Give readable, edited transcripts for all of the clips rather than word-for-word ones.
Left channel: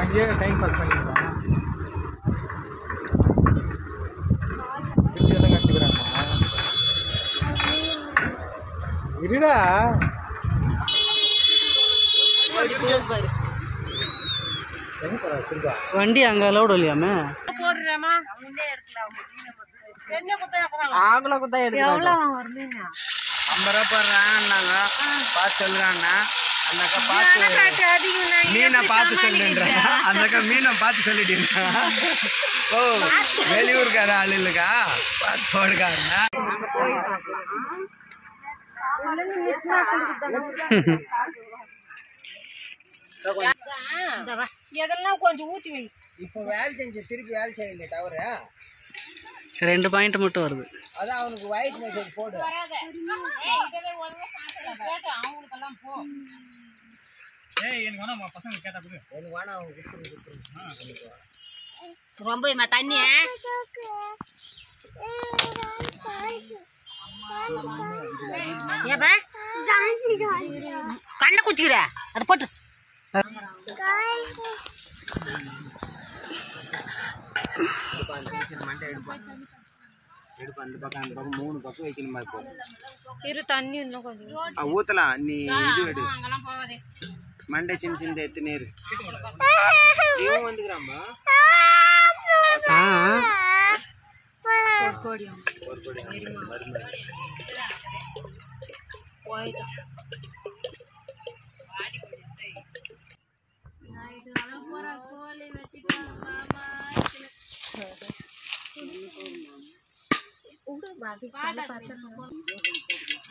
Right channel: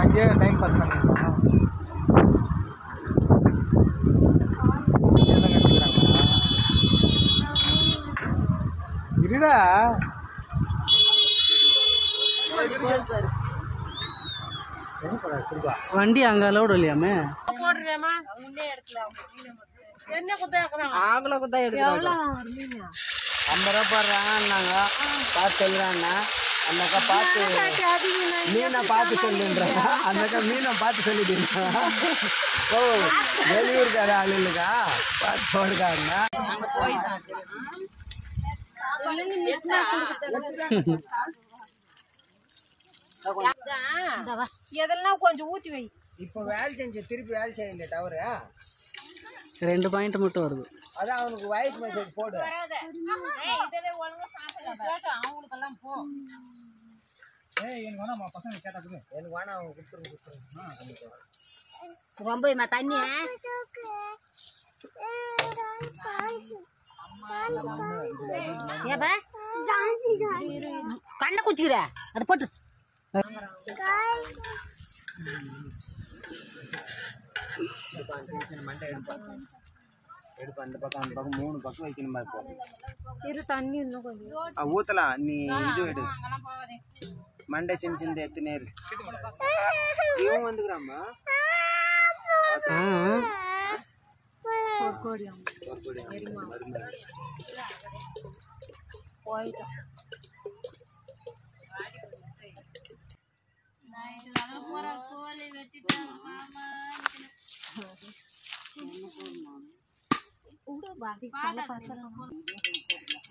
அங்கேயே time pass பண்ணிக்கலாம். எல்லாம் கட்டிக்கிறாங்க. இருடா வண்டி அங்கே அலோடு இல்லையாமே. ஆகல குத்தா எடுத்து 50 ரூபா போடுறாங்க. பார்த்து சொல்லுறாங்கண்ணா. அந்த அக்கா பார்த்து மீனை பார்த்து சொல்லுன்றாங்க. அந்த அக்கா மீனை பார்த்து சொல்லிட்டீங்க. ஓ வெளியூருக்கார ஆள் இல்லைக்கா, பார்த்து போடுக்காருங்க. எதெல்லாம் கொஞ்சம் ஊற்றி வை. இப்போ வேலை செஞ்சு திருப்பி வேலை செய்யல டவரு 2 பாயிண்ட் மட்டும் வருது. அதான் அவனுக்கு வாய்ஸ் மெசேஜ் போடு. எனக்கு வேணாம் பசங்க கேட்டா கூட எனக்கு வேணாம். அவங்க கொடுத்துருங்க. ரொம்ப தண்ணி கண்ணை குத்திக்கிற அதை போட்டு எடுப்பா. அந்த பக்கம் 3 பக்கம் வைக்கணுமா? இப்போ இரு தண்ணி இன்னும் கொஞ்சம் ஊத்தலாம். நீ இது எடு. மண்டை சின்ன சின்ன எத்து நேரு இவன் வந்துக்கிறாமா.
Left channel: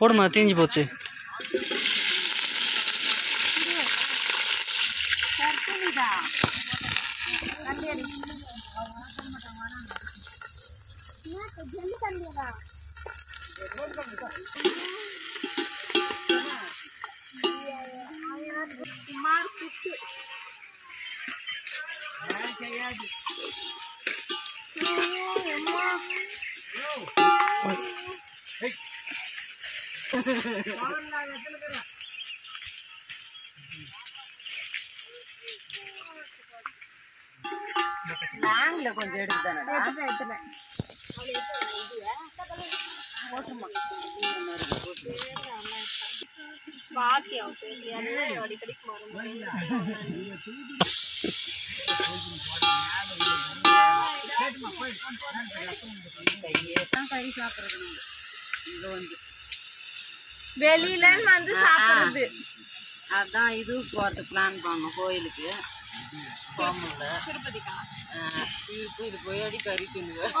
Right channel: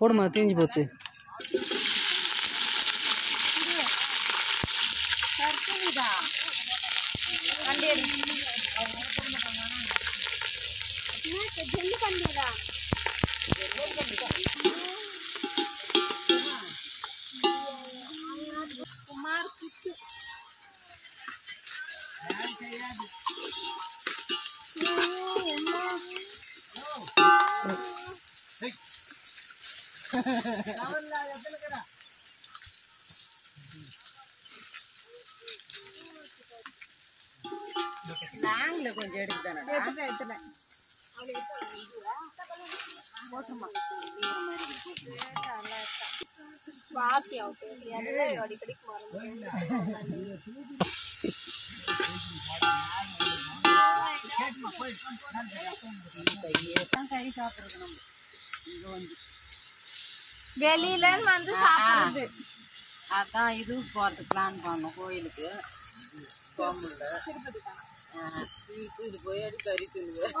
போடுமா, தீஞ்சு போச்சு. நாங்கள கொஞ்சம் எடுத்துட்டேன். வெளியில வந்து சாப்பிடுறது. அதான் இது போறது பிளான் பண்ணோம் கோயிலுக்கு. இது போய் அடி கறி தின்னுவேன்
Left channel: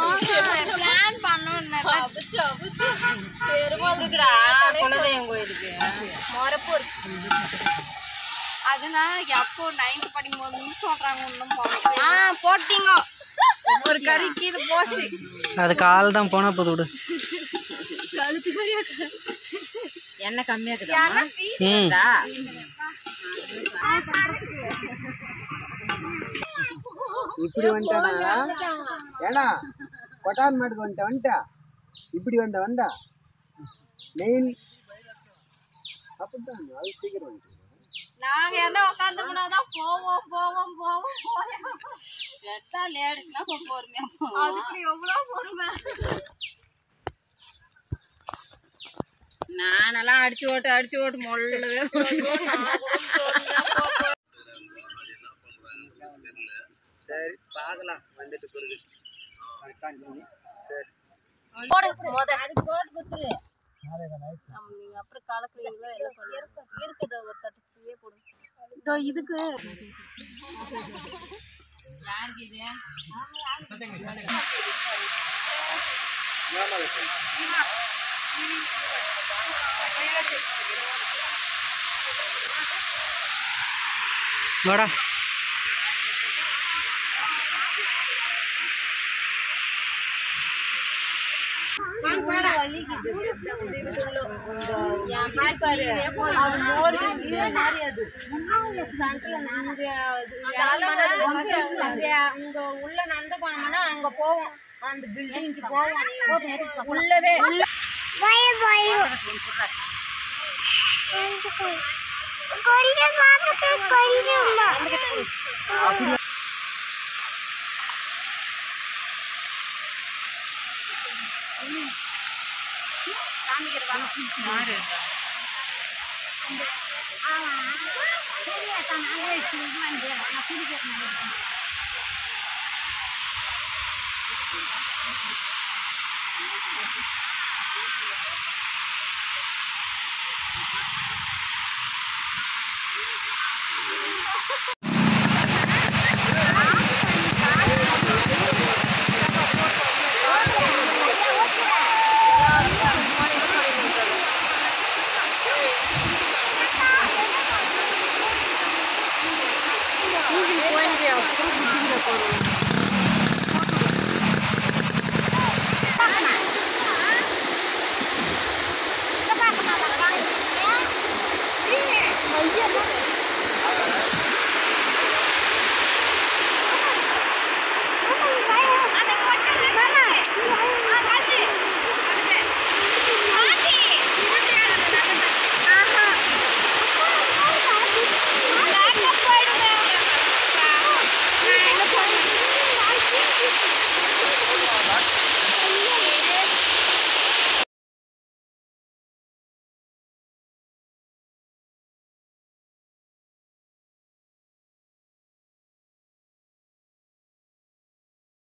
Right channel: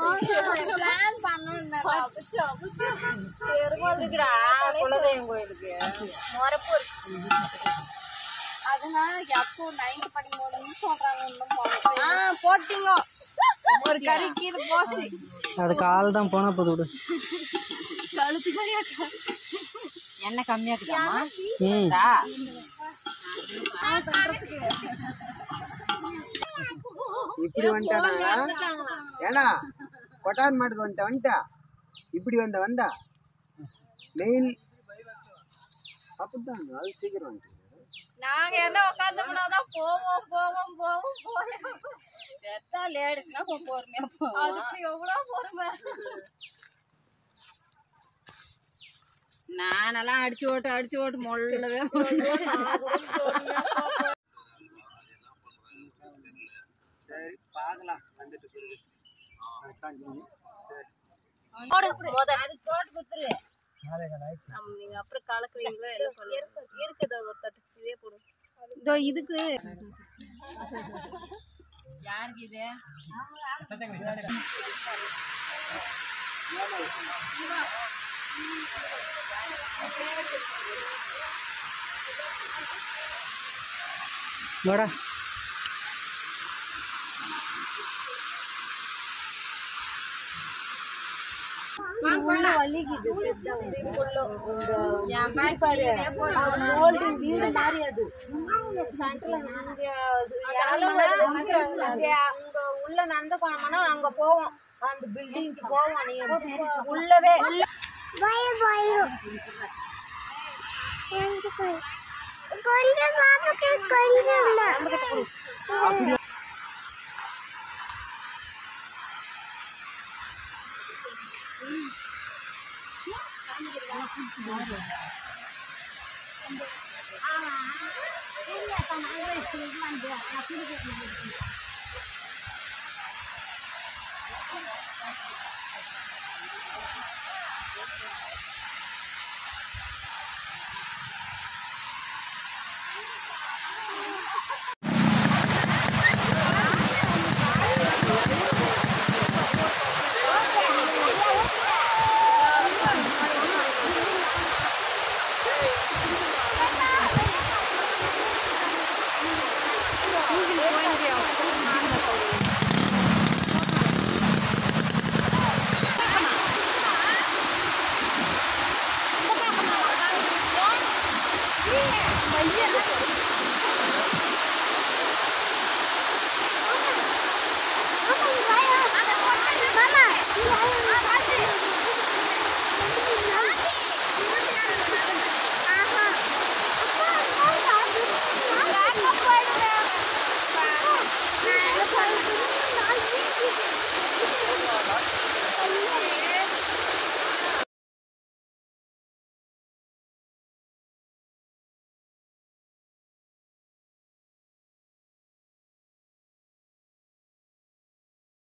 குலதெய்வம் கோயிலுக்கு மொரப்பூர். அதனால எப்போ 9th படிக்கும்போது சொல்றாங்க ஒன்றும் போட்டீங்க ஒரு கறிக்கு இது போச்சு. அது கால் தான் போனா போது விடு. கழுத்து கறியா என்ன கம்மியா இருக்குதா? இப்படி வந்துட்டானா? ஏன்னா கொட்டான் மாட்டுக்கு வந்துட்டா இப்படி வந்தா மெயின் அப்படித்தான். அது சீக்கிரம் வந்து நாங்க என்ன உட்காந்தோம்னாதான் போவோம் செத்தா லேடிஸ்னா பொறுமையா போவோம். அதுக்கு எவ்வளவு பொறுமை. நானெல்லாம் அடிச்சு ஓட்டு மொல்லவே. சரி பார்க்கலாம் வந்துட்டு பிறகு. அது தோட்டு குத்துரு. நீங்க அப்புறம் கலக்குறீங்களா இருக்குது ஒரு தட்டு போடும். இதுக்கு யாருக்கு இது வாடா. உள்ள வலிக்குது. அது மோல்டிங் வீடு மாதிரி. அது சென்டர்ல உங்க உள்ள நடந்து போனோம்னா அங்க போவோம். அந்த பில்டிங்க்கு போவோம். உள்ளவே கொஞ்சம் அப்படி Iya.